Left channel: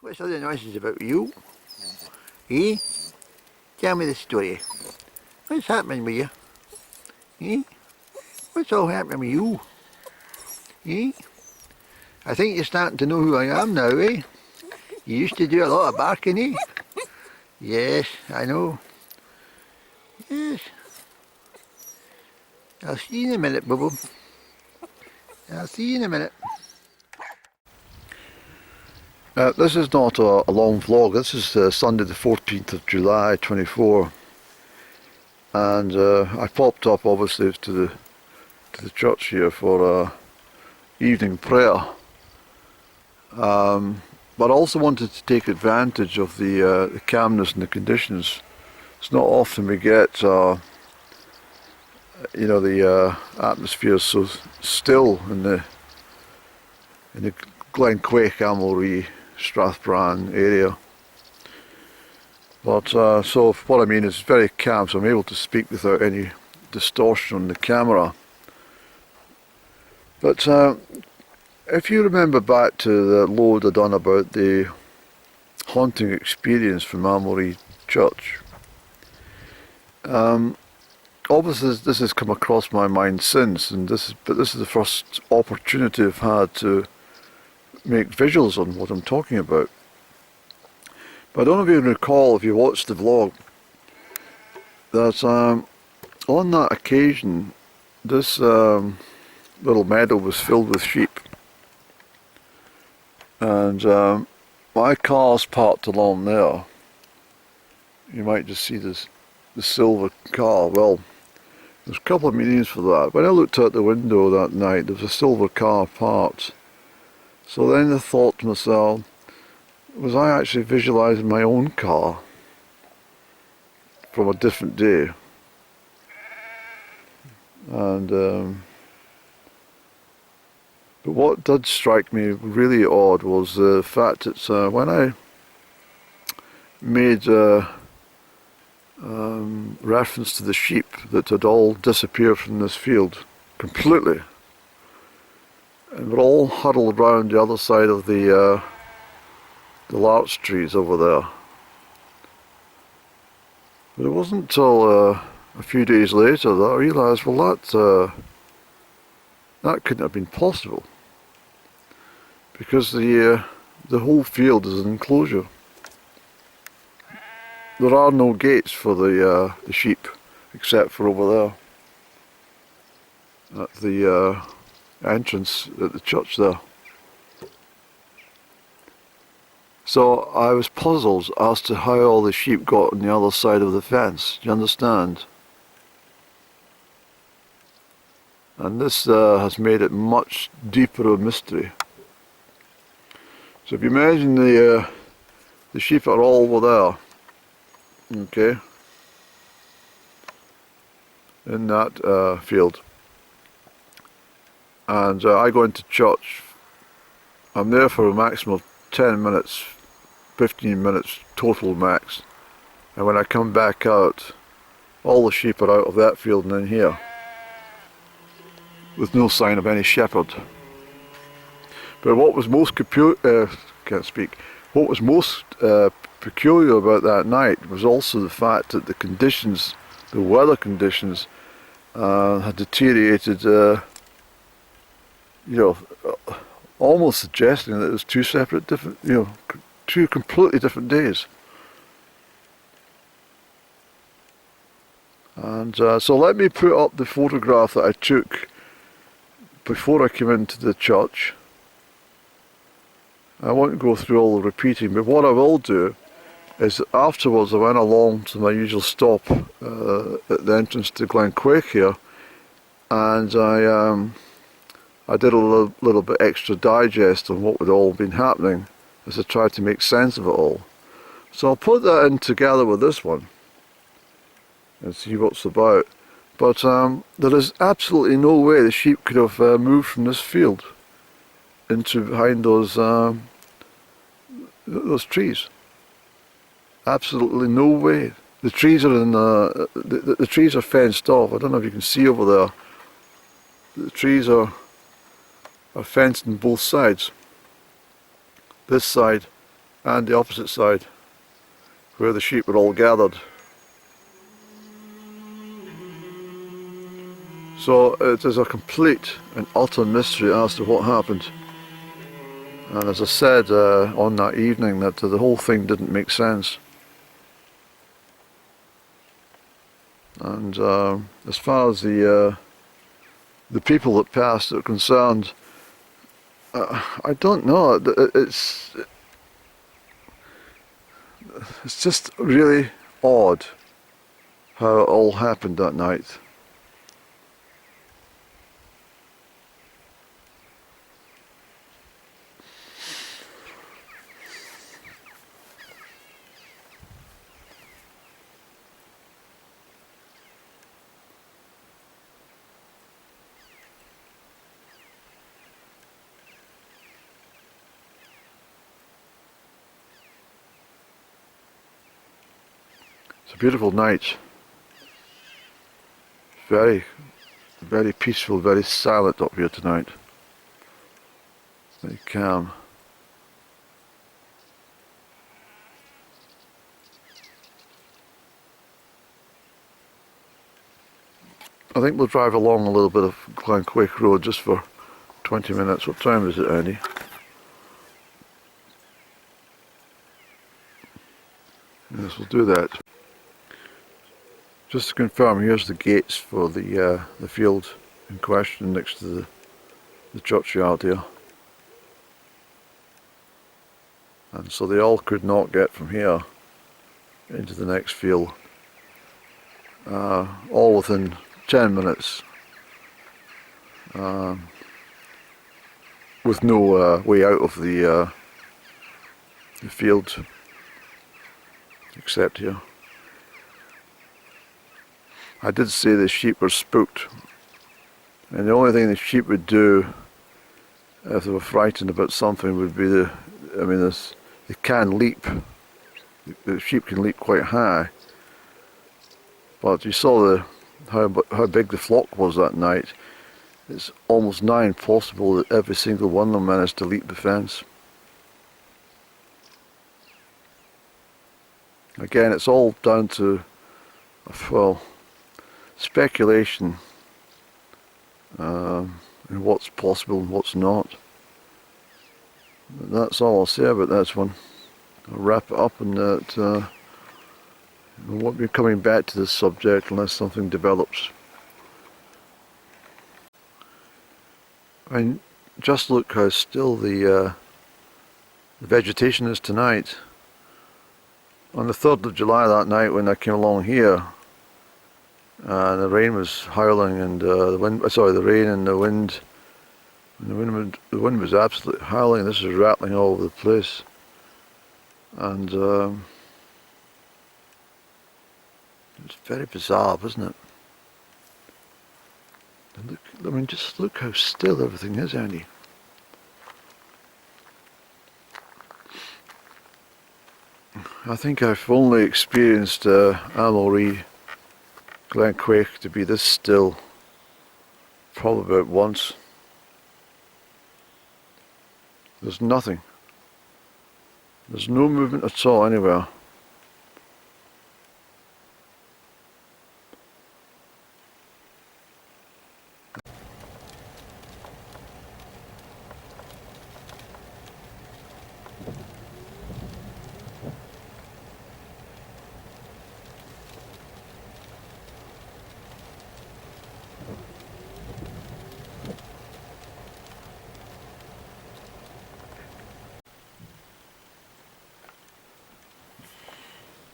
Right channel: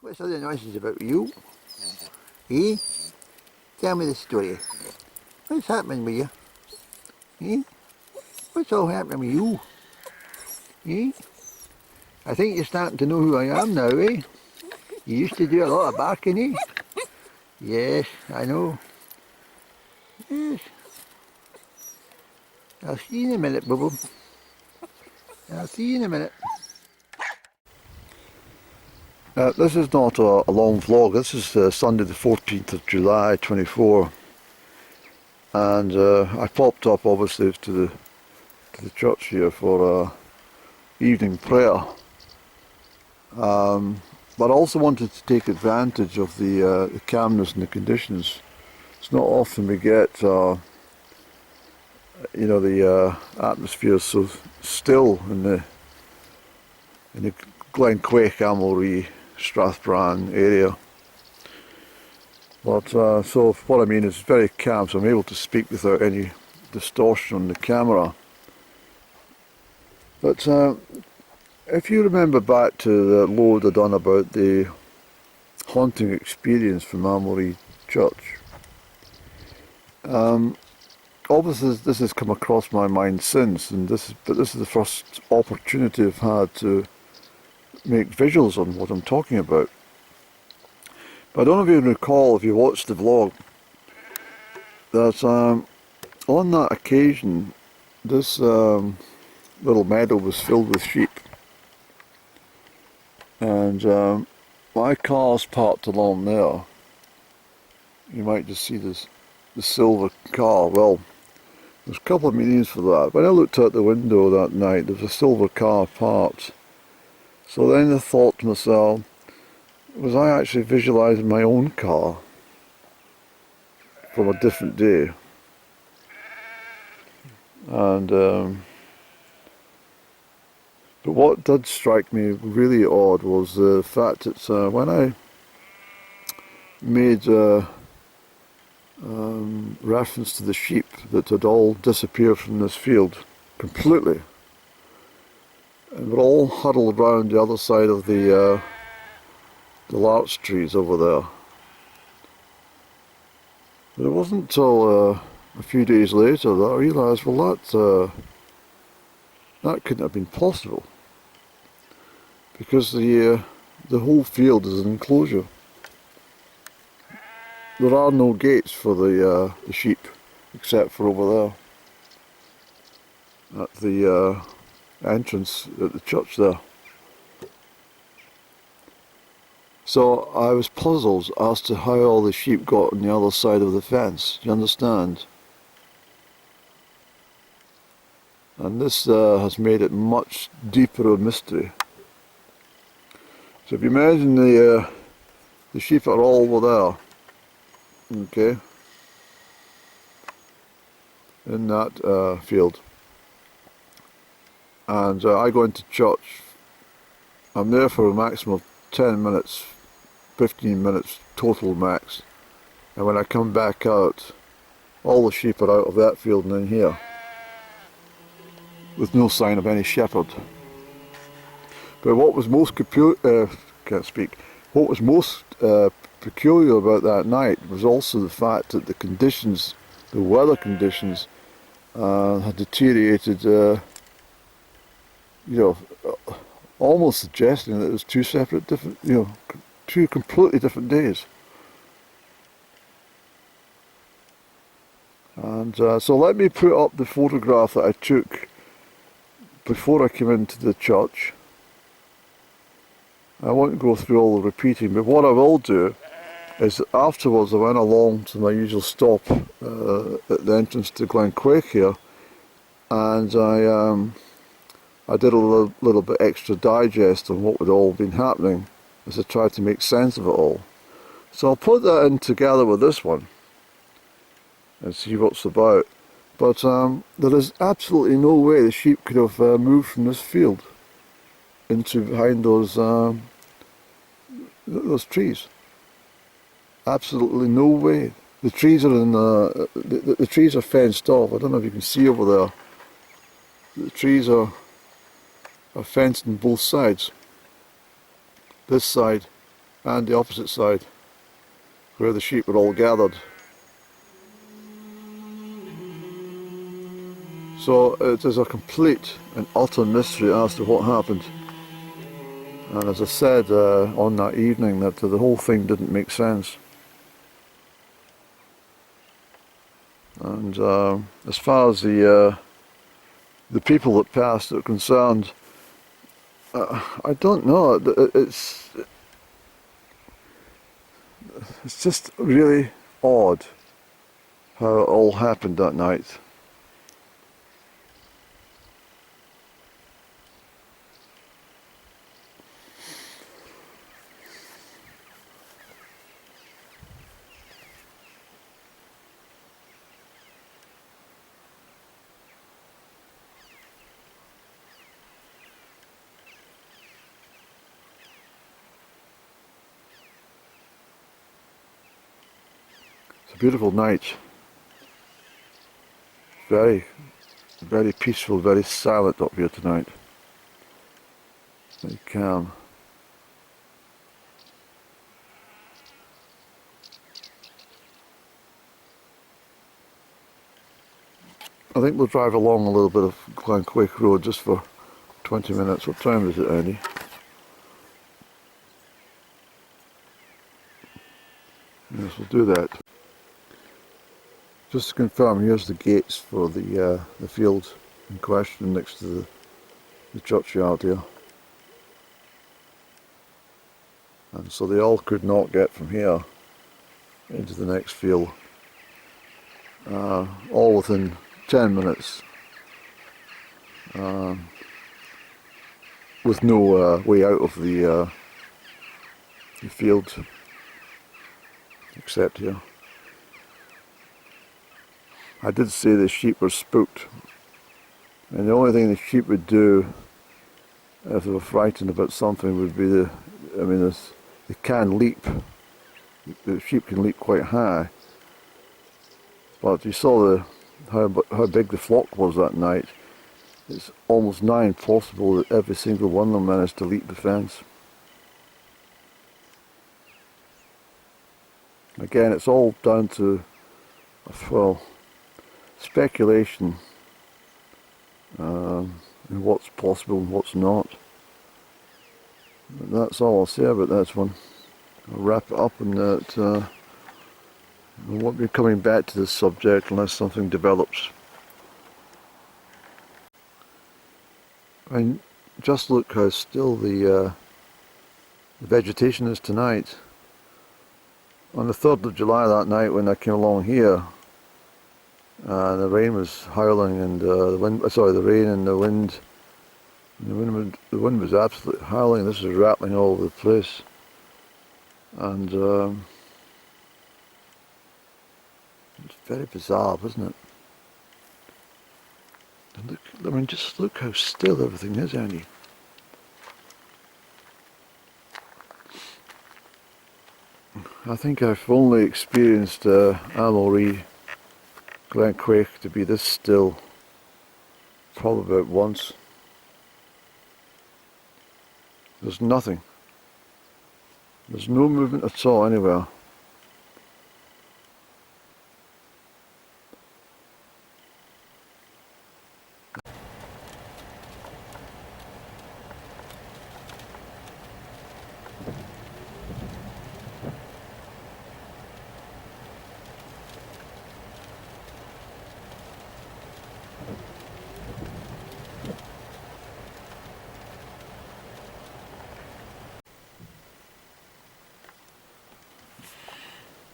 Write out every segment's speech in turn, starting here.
What's all the nonsense about you? Eh? Tell me the story. What's happening with you? Eh? What's all happening with you? Eh? I think you're starting to know who I am now, eh? You used to do a lot of barking, eh? Yes, I know. Yes. I'll see you in a minute, Bubble. I'll see you in a minute. This is not a long vlog. This is Sunday the 14th of July 24, and I popped up obviously to the church here for evening prayer, but I also wanted to take advantage of the calmness and the conditions. It's not often we get the atmosphere so still in the Crieff, Amulree, Strathbran area. But so what I mean is very calm, so I'm able to speak without any distortion on the camera. But if you remember back to the load I done about the haunting experience from Amulree Church, obviously this has come across my mind since, and this is the first opportunity I've had to make visuals on what I'm talking about. But I don't know if you can recall, if you watched the vlog, that on that occasion this little meadow was filled with sheep, and my car's parked along there. You might just see the silver car. Well, there's a couple of meanings for that. When I looked out the window that night, there was a silver car parked. So then I thought to myself, was I actually visualising my own car from a different day? And but what did strike me really odd was the fact that when I made reference to the sheep that had all disappeared from this field completely, and were all huddled around the other side of the larch trees over there. But it wasn't until a few days later that I realised, well, that couldn't have been possible, because the whole field is an enclosure. There are no gates for the sheep, except for over there at the entrance at the church there. So I was puzzled as to how all the sheep got on the other side of the fence. Do you understand? And this has made it much deeper a mystery. So if you imagine the sheep are all over there, okay, in that field, and I go into church. I'm there for a maximum of 10 minutes, 15 minutes total max, and when I come back out, all the sheep are out of that field and in here, with no sign of any shepherd. But what was most What was most peculiar about that night was also the fact that the conditions, the weather conditions, had deteriorated. Almost suggesting that it was two separate, different, two completely different days. And so let me put up the photograph that I took before I came into the church. I won't go through all the repeating, but what I will do is afterwards I went along to my usual stop at the entrance to Glen Crieff here, and I did a little bit extra digest on what had all been happening as I tried to make sense of it all. So I'll put that in together with this one and see what's about. But there is absolutely no way the sheep could have moved from this field into behind those trees. Absolutely no way. The trees are in the trees are fenced off. I don't know if you can see over there. The trees are fenced on both sides. This side and the opposite side, where the sheep were all gathered. So it is a complete and utter mystery as to what happened. And as I said on that evening, that the whole thing didn't make sense. And as far as the people that passed are concerned, I don't know. It's just really odd how it all happened that night. It's a beautiful night. Very, very peaceful, very silent up here tonight. Very calm. I think we'll drive along a little bit of Crieff Road just for 20 minutes. What time is it, Andy? Yes, we'll do that. Just to confirm, here's the gates for the field in question next to the churchyard here. And so they all could not get from here into the next field. All within 10 minutes. With no way out of the field except here. I did say the sheep were spooked, and the only thing the sheep would do if they were frightened about something would be they can leap. The sheep can leap quite high, but you saw how big the flock was that night. It's almost nigh impossible that every single one of them managed to leap the fence. Again, it's all down to, well, speculation and what's possible and what's not. But that's all I'll say about that one. I'll wrap it up, and that we won't be coming back to this subject unless something develops. I mean, just look how still the vegetation is tonight. On the 3rd of July that night when I came along here, the rain was howling, and the rain and the wind. The wind was absolutely howling. This was rattling all over the place, and it's very bizarre, isn't it? And look, I mean, just look how still everything is, Andy. I think I've only experienced Amulree Kirk to be this still probably about once. There's nothing. There's no movement at all anywhere.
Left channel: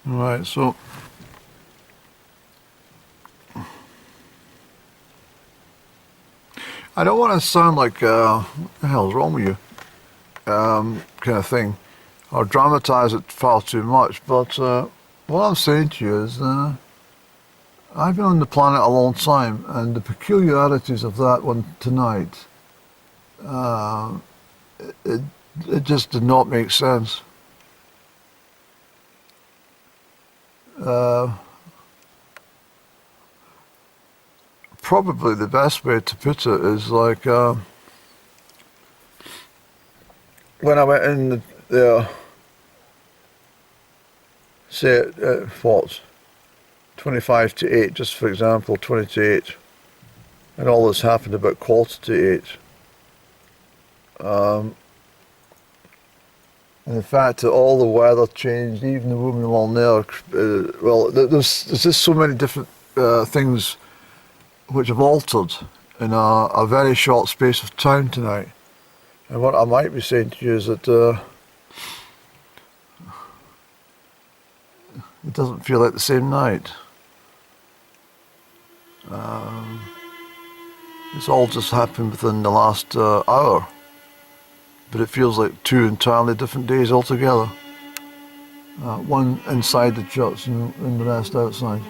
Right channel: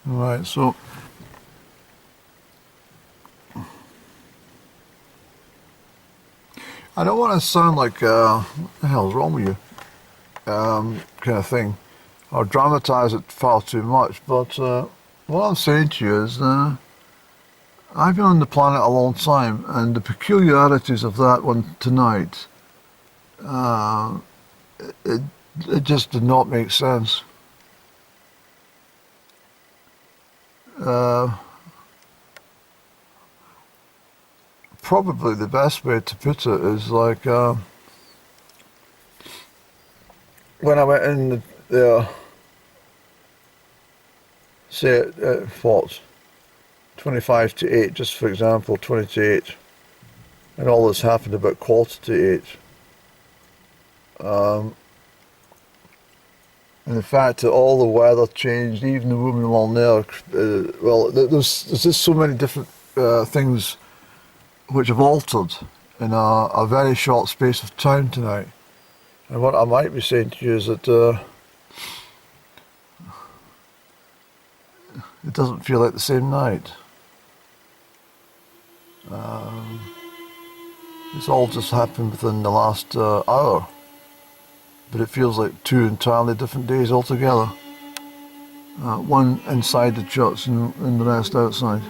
Right, so I don't want to sound like what the hell's wrong with you kind of thing, or dramatise it far too much, but what I'm saying to you is I've been on the planet a long time, and the peculiarities of that one tonight, it just did not make sense. Probably the best way to put it is like when I went in there say at what, 25 to 8, just for example, 20 to 8, and all this happened about 1/4 to 8. And the fact that all the weather changed, even the woman along there, there's just so many different things which have altered in a very short space of time tonight. And what I might be saying to you is that it doesn't feel like the same night. It's all just happened within the last hour. But it feels like 2 entirely different days altogether. One inside the church and the rest outside.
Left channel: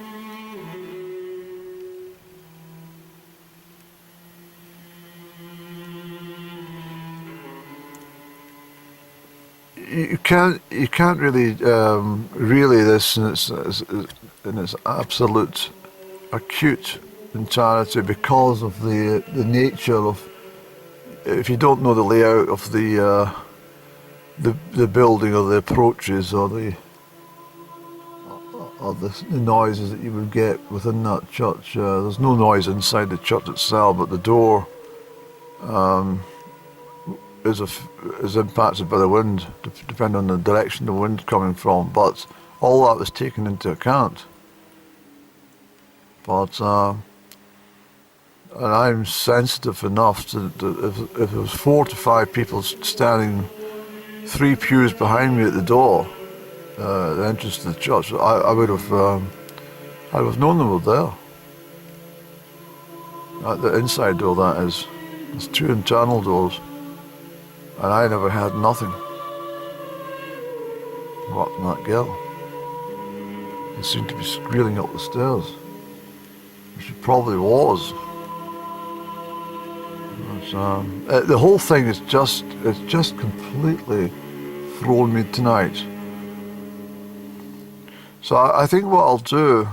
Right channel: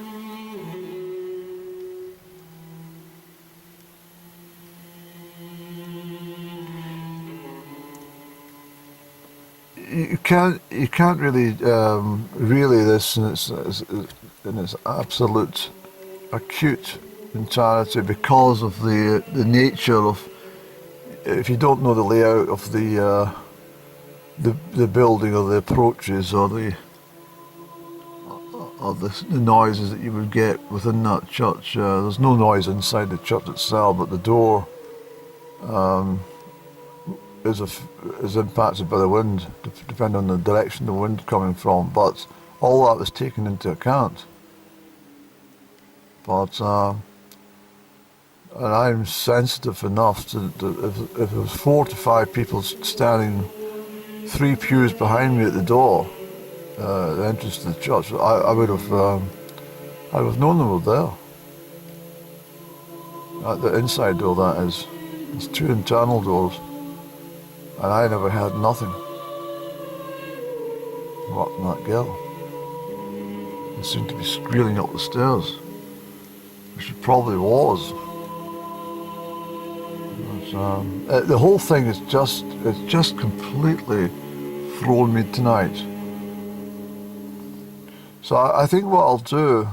You can't really relay this in its absolute acute entirety because of the nature of. If you don't know the layout of the building or the approaches or the noises that you would get within that church, there's no noise inside the church itself, but the door is impacted by the wind, depending on the direction the wind's coming from. But all that was taken into account. But and I'm sensitive enough to if there was 4 to 5 people standing 3 pews behind me at the door, the entrance to the church, I would have known they were there. At the inside door, that is. There's 2 internal doors, and I never had nothing. What from that girl? They seemed to be squealing up the stairs, which it probably was. The whole thing is just completely thrown me tonight. So I think what I'll do,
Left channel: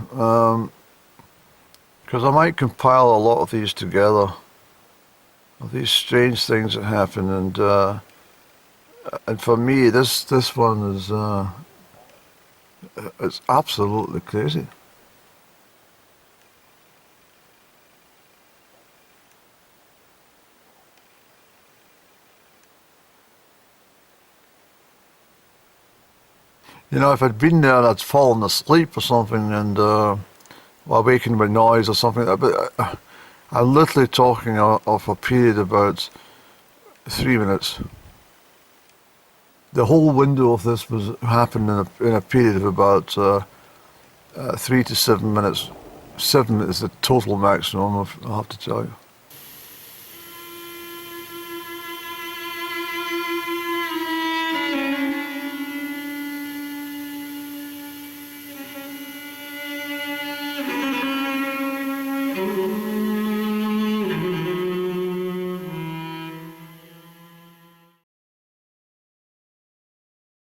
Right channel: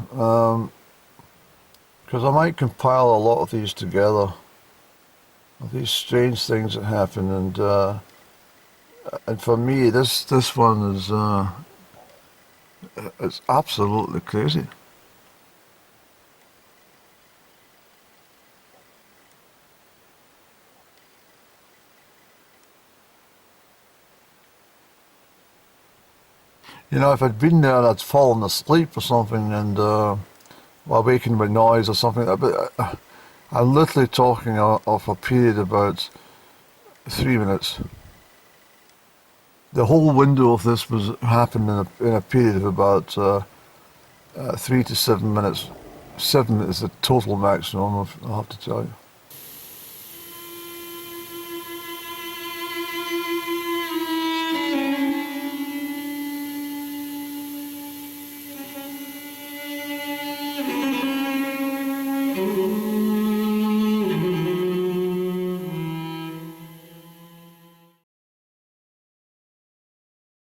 because I might compile a lot of these together, of these strange things that happen, and for me this one is it's absolutely crazy. You know, if I'd been there and I'd fallen asleep or something and awakened by noise or something like that, but I'm literally talking of a period about 3 minutes. The whole window of this was happened in a period of about 3 to 7 minutes. 7 is the total maximum, I'll have to tell you.